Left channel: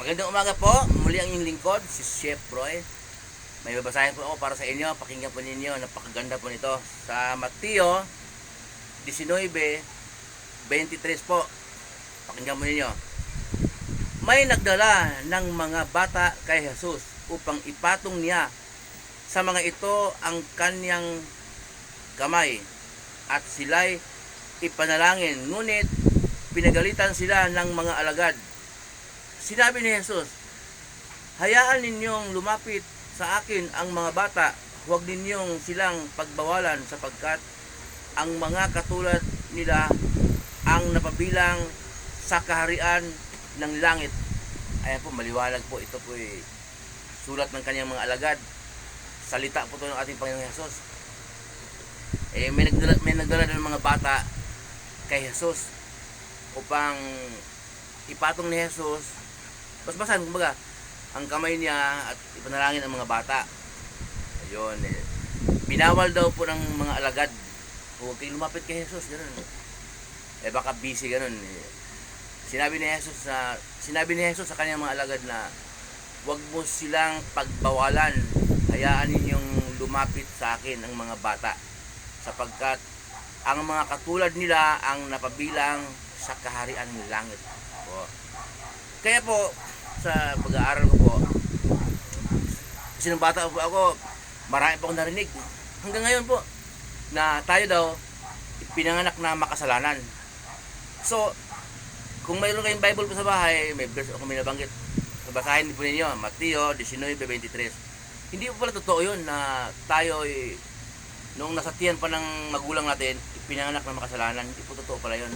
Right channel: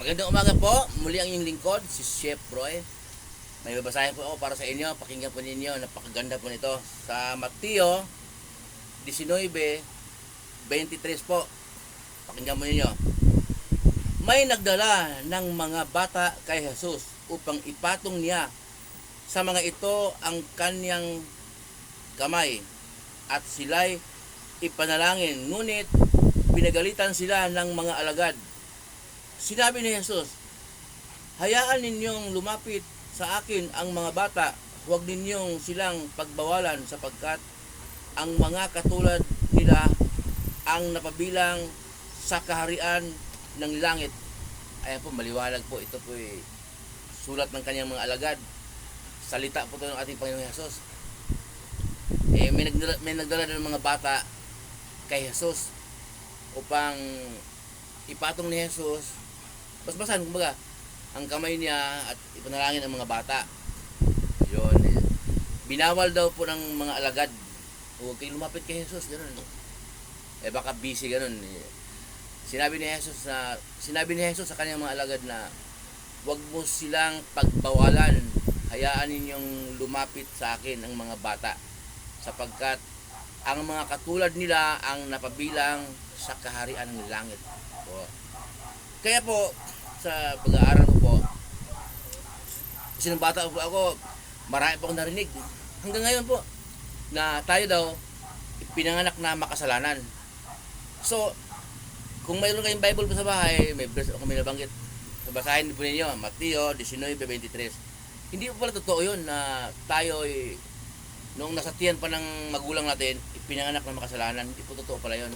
Magandang umaga po. Muli ang inyong lingkod, si Chef Roy. May babasahin po ako para sa inyo. Pakinggan po ninyo. Napakaganda po nito. Sa Mateo 19:23 po. Pakinggan po ninyo. May nagdala ng mga bata kay Jesus upang ipatong niya sa mga ito ang kanyang kamay. At sila'y ipanalangin. Ngunit pinagalitan sila ng mga alagad. Sinabi ni Jesus, hayaan ninyong lumapit sa akin ang mga bata, huwag ninyong silang pagbawalan sapagkat ang mga katulad nila ang napabilang sa kaharian ng langit. Ayan po, maliwalag po. Ito po ay sulat ng kanyang mga alagad. Salita po ito ng ating Panginoong Jesus. May nagdala ng mga bata kay Jesus upang ipatong ni Jesus. Basbasan, kumbaga, ang kamay niya at ipanalangin ang mga bata. Yun. Binawal daw po ng mga alagad. Huwag kayong lumapit kay Jesus, ganun. Baka busy, ganun. Sinabi ni Jesus sa kanyang mga alagad na huwag mo silang pagbawalan. Hayaan ninyong lumapit sa akin ang mga bata. Sapagkat ang mga katulad nila ang napabilang sa kaharian ng langit. Po. Kaya po, sa pag-aaral ko po, kasi nung bata po ako, marami po akong narinig. Hanggang ngayon po, na tayo daw, pinanganak na makasalanan. So, kung mayroon kayong Bible po sa bahay, may verse ako may nabanggit. Basahin po ninyo, Mateo 19:23. Hindi po pala totoo yun na tayo ay, noong nasa tiyan pa ng magulang natin, pinanganak na makasalanan. Hindi po totoo pala yun.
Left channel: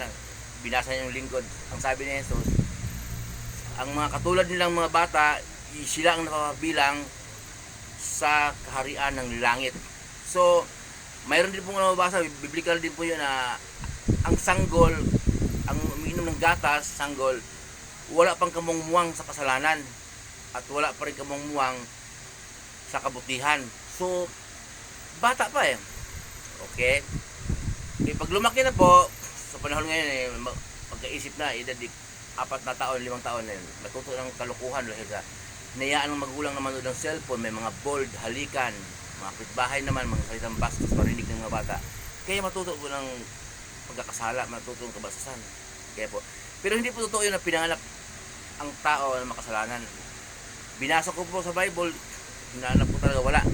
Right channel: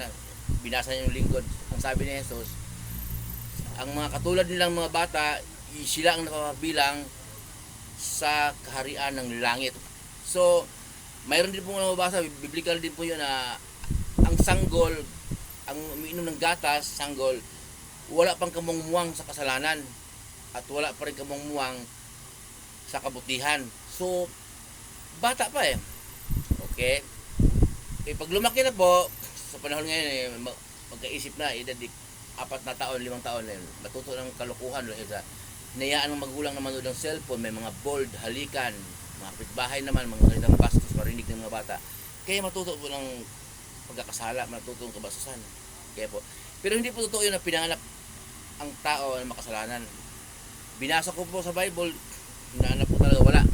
Binasa niyo yung lingkod. Ang sabi ni Jesus, ang mga katulad nilang mga bata, sila ang napabilang sa kaharian ng langit. So, mayroon din pong nababasa, biblical din po yun na ang sanggol, ang umiinom ng gatas, sanggol, wala pang kamungmuwang sa kasalanan at wala pa rin kamungmuwang sa kabutihan. So, bata pa eh. Okay? Pag lumaki na po, sa panahon ngayon magkaisip na, edad 4 na taon, 5 taon na yun, matuto ng kalukuhan dahil sa hinayaan ng magulang na manood ng cellphone, may mga bold, halikan, mga kapitbahay naman, mga salitang bastos, marinig ng mga bata. Kaya matuto po ng pagkakasala, matuto ng kabastusan. Kaya po. Pero hindi po totoo yun na pinanganak ang tao na makasalanan. Binasa ko po sa Bible, hinanap po talaga, wala.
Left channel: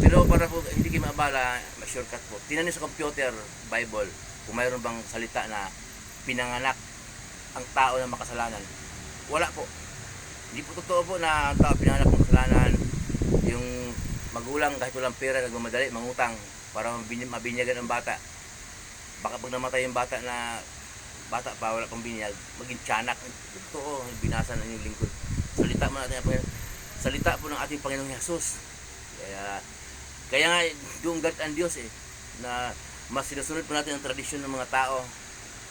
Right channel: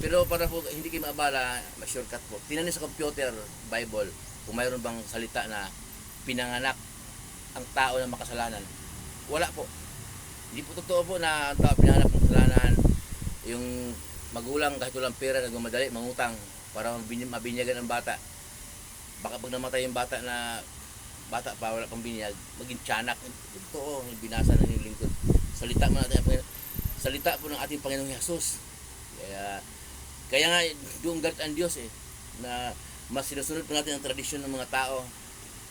Pero para po hindi kayo maabala, ma-shortcut po. Tinanin sa computer, Bible, kung mayroon bang salita na pinanganak ang tao na makasalanan. Wala po. Hindi po totoo po na ang tao pinanganak ng kasalanan. Yung magulang kahit walang pera, nagmamadali, mangutang para mabinyagan ang bata. Baka pag namatay yung bata pa, wala pang binyag, maging tiyanak. Totoo, binasa ng lingkod. Salita po ng ating Panginoong Jesus. Kaya nga, yung galit ang Diyos na mas sinusunod po natin ang tradisyon ng mga tao,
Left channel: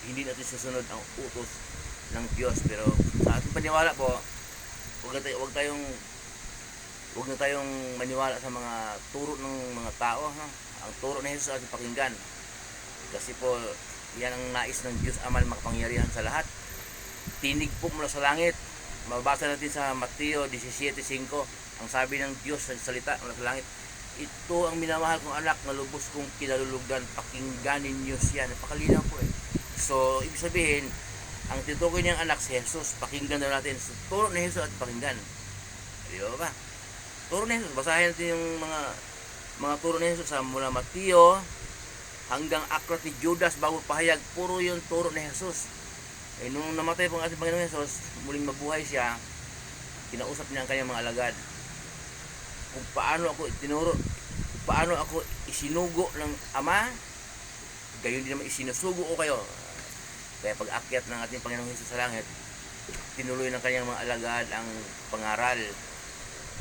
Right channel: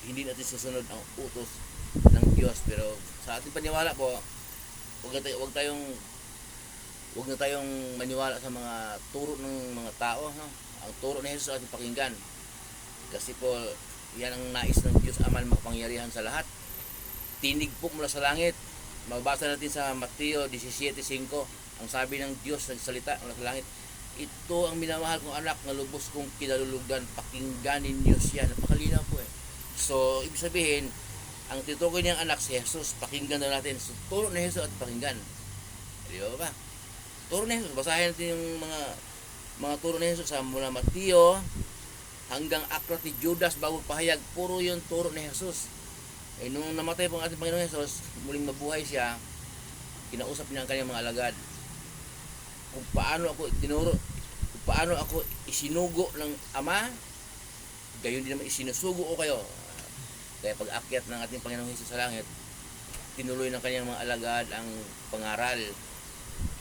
hindi natin sinusunod ang utos ng Diyos. Pero sa ating paniwala po, huwag na tayong maniwala sa mga turo ng mga tao. Ang turo ni Jesus ating pakinggan. Kasi po, yan ang nais ng Diyos Ama na makapangyarihan sa lahat. Tinig po mula sa langit. Mababasa natin sa Mateo 17:5. Ang sabi ng Diyos sa salita mula sa langit, ito ang minamahal kong anak na lubos kong kinalulugan, pakingganin niyo siya. Napakalinaw po So, ibig sabihin, ang tinutukoy niyang anak si Jesus, pakinggan daw natin. So, turo ni Jesus at pakinggan. Di ba? Turo ni Jesus. Basahin natin yung mga turo ni Jesus sa mula Mateo hanggang aklat ni Judas bago pahayag. Puro yung turo ni Jesus. Nung namatay po ang ating Panginoon Jesus, muling mabuhay siya, kinausap niya ang kanyang mga alagad. Kung paano ako tinuro, kung paano ako isinugo ng Ama, gayon din naman isinusugo ko kayo. Kaya pag akyat ng ating Panginoong Jesus sa langit, tinuloy ng kanyang mga alagad ang pangaral.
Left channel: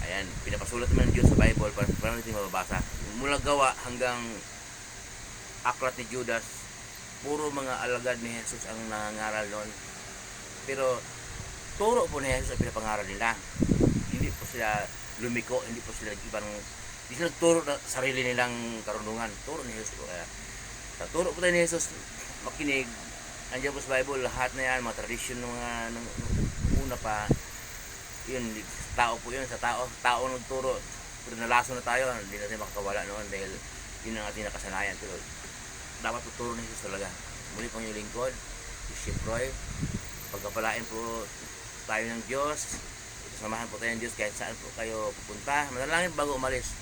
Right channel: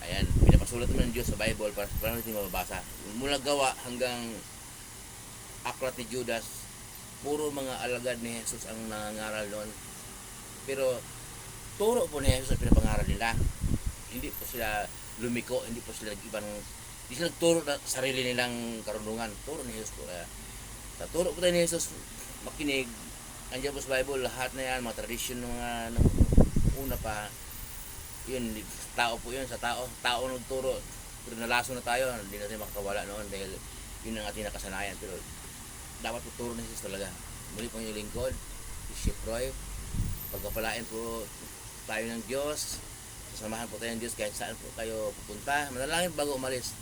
Ayan, pinapasulat naman ng Diyos sa Bible para natin mababasa. Mula Gawa hanggang aklat ni Judas, puro mga alagad ni Jesus ang nangangaral noon. Pero turo po ni Jesus ang pinapangaral nila. Hindi po sila lumiko, hindi po sila hindi sila turo na sarili nilang karunungan. Turo ni Jesus po. Sa turo po tayo ni Jesus, makinig. Andiyan po sa Bible, lahat na yan, mga tradisyon ng una pa. Yun, tao po yun, sa tao nagturo. Pero nalaso na tayo, hindi na tayo makakawala noon dahil yun ang ating nakasanayan. Pero dapat tuturo ni Jesus talaga. Muli pang yung lingkod, si Chef Roy. Pagkapalain po tayo ng Diyos. Samahan po tayo ng Diyos kahit saan po kayo pupunta. Manalangin bago umalis.